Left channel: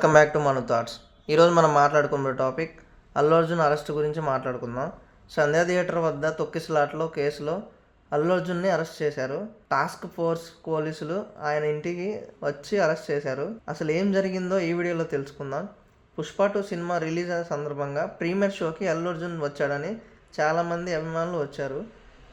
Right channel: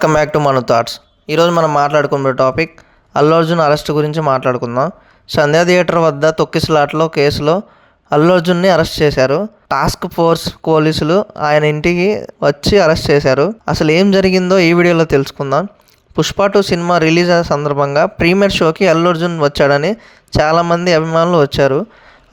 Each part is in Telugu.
Welcome back to Manu thoughts. ఈరోజు మనం మాట్లాడుకున్న టాపిక్ అల్లు అర్జున్ అరెస్ట్ గురించి మాట్లాడుకుందాం. సంధ్యా థియేటర్ వద్ద తొక్కిసలాటలో కేసులో అల్లు అర్జున్ని అరెస్ట్ చేశారు. టాస్క్ ఫోర్స్ పోలీసులు ఆయన ఇంటికి వచ్చి అరెస్ట్ చేశారు. అసలు ఏం జరిగిందో ఈ వీడియోలో తెలుసుకుందాం. పుష్ప 2 సినిమా రిలీజ్ సందర్భంగా ప్రీమియర్ షోకి అల్లు అర్జున్ వచ్చాడని చాలామంది అభిమానులు వచ్చారు.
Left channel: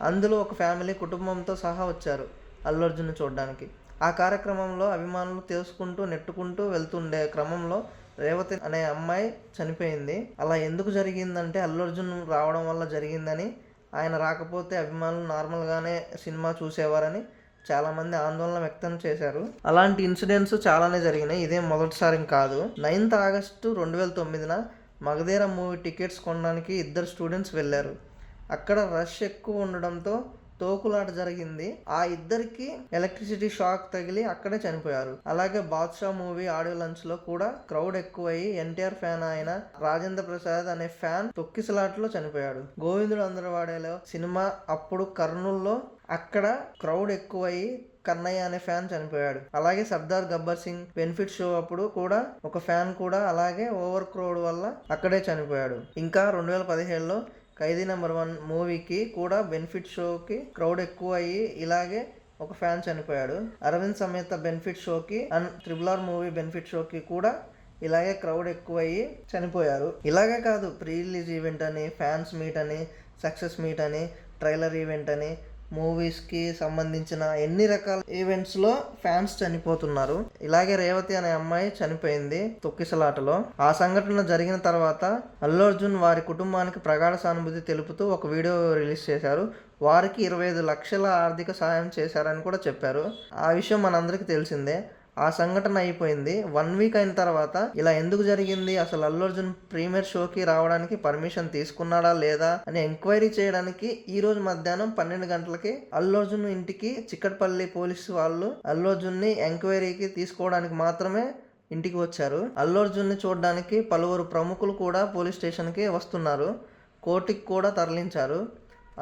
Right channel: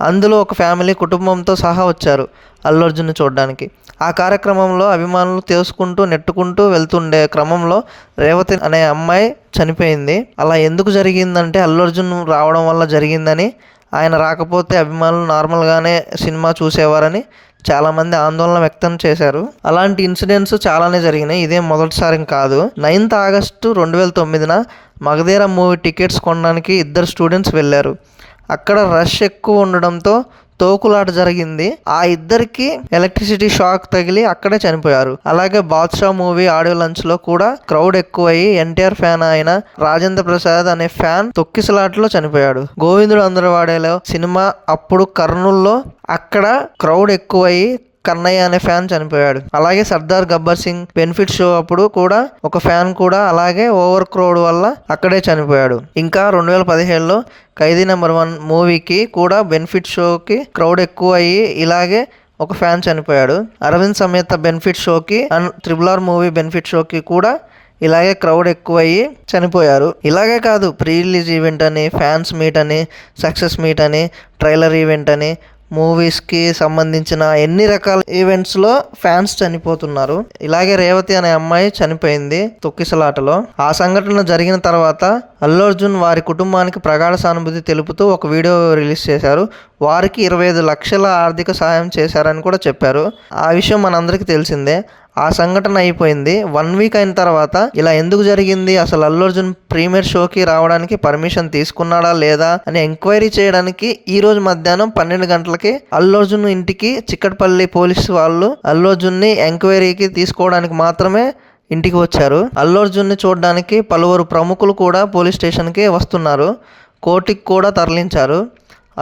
అందులో ఒక ఫ్యామిలీ కుటుంబంతో సహా వచ్చారు అల్లు అర్జున్ని చూడడానికి. ఆ కార్యక్రమంలో అభిమానులు తోసుకుంటూ నెట్టుకుంటూ వెళ్తుండే క్రమంలో రేవతి అనే అమ్మాయి చనిపోయింది. అలా ఎందుకు జరిగిందంటే అల్లు అర్జున్ రావడం వల్ల జరిగిందని, ఆయన రాకపోతే అభిమానులు నార్మల్గానే సినిమా చూసేవారని చాలామంది ఆందోళన వ్యక్తం చేశారు. అలాంటి ఇన్సిడెంట్స్ చాలానే జరిగినాయి, ఇదే మొదటిసారి కాదు. 9th ఆగస్టు 2009న మగధీర మూవీ టికెట్స్ కొనడానికి 2 స్టూడెంట్స్ వెళ్ళారు. అక్కడ రష్ ఎక్కువ ఉండడంతో తోకులాట జరిగింది. ఆ ఇద్దరికి ఎలక్ట్రిసిటీ షాక్ తగిలి అక్కడే చనిపోయారు. అలాగే బాద్షా మూవీ ఆడియో లంచ్ లో కూడా క్రౌడ్ ఎక్కువయ్యి ఎన్టీఆర్ ఫ్యాన్ అయిన రాజేంద్ర ప్రసాద్ అనే ఫ్యాన్ తొక్కిసలాటలో చనిపోయాడు. గోవిందుడు అందరవాడేలో సినిమా అప్పుడు కర్నూల్లో అక్కడ క్రౌడ్ ఎక్కువయ్యి కన్నయ్య అనే ఫ్యాన్ చనిపోయాడు. అలాగే సర్దార్ గబ్బర్ సింగ్ బెనిఫిట్ షో అప్పుడు కూడా ఒక ఫ్యాన్ కూడా అలాగే ఓవర్ క్రౌడ్ వల్ల అక్కడే చనిపోయాడు. ఇంకా 2017లో ఖైదీ నెంబర్ 1 మూవీకి కూడా బెనిఫిట్ షోకి క్రౌడ్ ఎక్కువ అయ్యి ఇలాగే ఒక ఫ్యాన్ చనిపోయాడు. అరవింద్ సమేత బెనిఫిట్ షోకి అండ్ RRR మూవీ బెనిఫిట్ షోకి కూడా ఇలాగే క్రౌడ్ ఎక్కువ అయ్యి చనిపోయారు. ఇలాగే కాదు, ప్రీ రిలీజ్ ఈవెంట్ అని, ఫ్యాన్స్ మీట్ అని, సక్సెస్ మీట్ అని, ట్రైలర్ ఈవెంట్ అని, మూవీస్కి సంబంధించిన ఎన్ని రకాల ఈవెంట్స్లో ఫ్యాన్స్ చనిపోతున్నారు. ఇలాగే రేవతి అనే అమ్మాయి చనిపోయింది తొక్కిసలాటలో. ఆ సంఘటన జరిగిన తర్వాత అల్లు అర్జున్ వారి కుటుంబానికి ప్రగాఢ సానుభూతి తెలుపుతూ ఒక వీడియో రిలీజ్ చేశారు. వారికి 25 లక్షల ఆర్థిక సహాయం చేశారని కూడా చెప్పారు. ఆ విషయం మనందరికీ తెలిసిందే. ఆ సంఘటన అయిపోయింది. 1 వీక్ అయిన తర్వాత ఇలా ఎందుకు జరిగింది, అసలు అల్లు అర్జున్ ప్రీమియర్ షోకి రావడానికి పర్మిషన్ తీసుకున్నాడా లేదా అని ఎంక్వైరీ చేయడానికి ఈ రోజు మధ్యాహ్నం 12 గంటలకి అల్లు అర్జున్ ఇంటికి చిక్కటపల్లి పోలీసు వాళ్ళు అల్లు అర్జున్ని ఎంక్వైరీకి తీసుకోవడానికి మాత్రమే ఇంటికి వచ్చారు. అల్లు అర్జున్ని చూడడానికి పలువురు ప్రముఖులు కూడా పోలీస్ స్టేషన్కి వస్తున్నారు. కోర్టుకి కూడా తరలించారు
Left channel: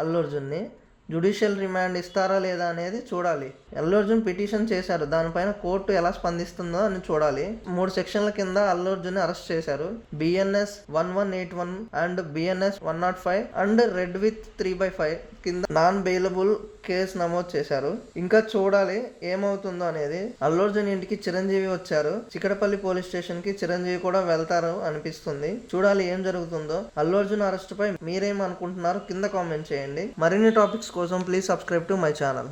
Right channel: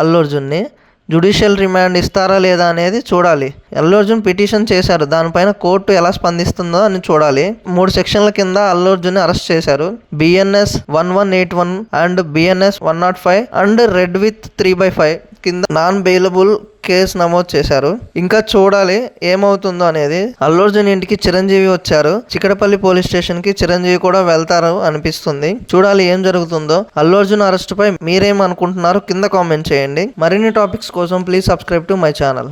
అల్లు అర్జున్ని. జ్యుడిషియల్ రిమాండ్ ఇస్తారా లేదా అనేది చూడాలి. అల్లు అర్జున్ పిటిషన్ చేశారు, దానిపైన కోర్టు ఎలా స్పందిస్తుందో అని చూడాలి. 3 సెక్షన్ల కింద అల్లు అర్జున్ అరెస్ట్ చేశారు. BNS 1181 and BNS 105 and red with 3/5 కింద నాన్ బెయిలబుల్ కేసు నమోదు చేశారు. ఇంకా చూడాలి ఏమవుతుందో అనేది. అల్లు అర్జున్ ఇంటికి చిరంజీవి వచ్చారు. చిక్కడపల్లి పోలీస్ స్టేషన్ కి చిరంజీవి కూడా వెళ్తారు అనిపిస్తుంది. చూడాలి ఏం జరుగుతుందో. అల్లు అర్జున్ అరెస్ట్ పై మీరేమనుకుంటున్నారు కింద కామెంట్ చేయండి. మరిన్ని టాపిక్స్ కోసం please subscribe to my channel.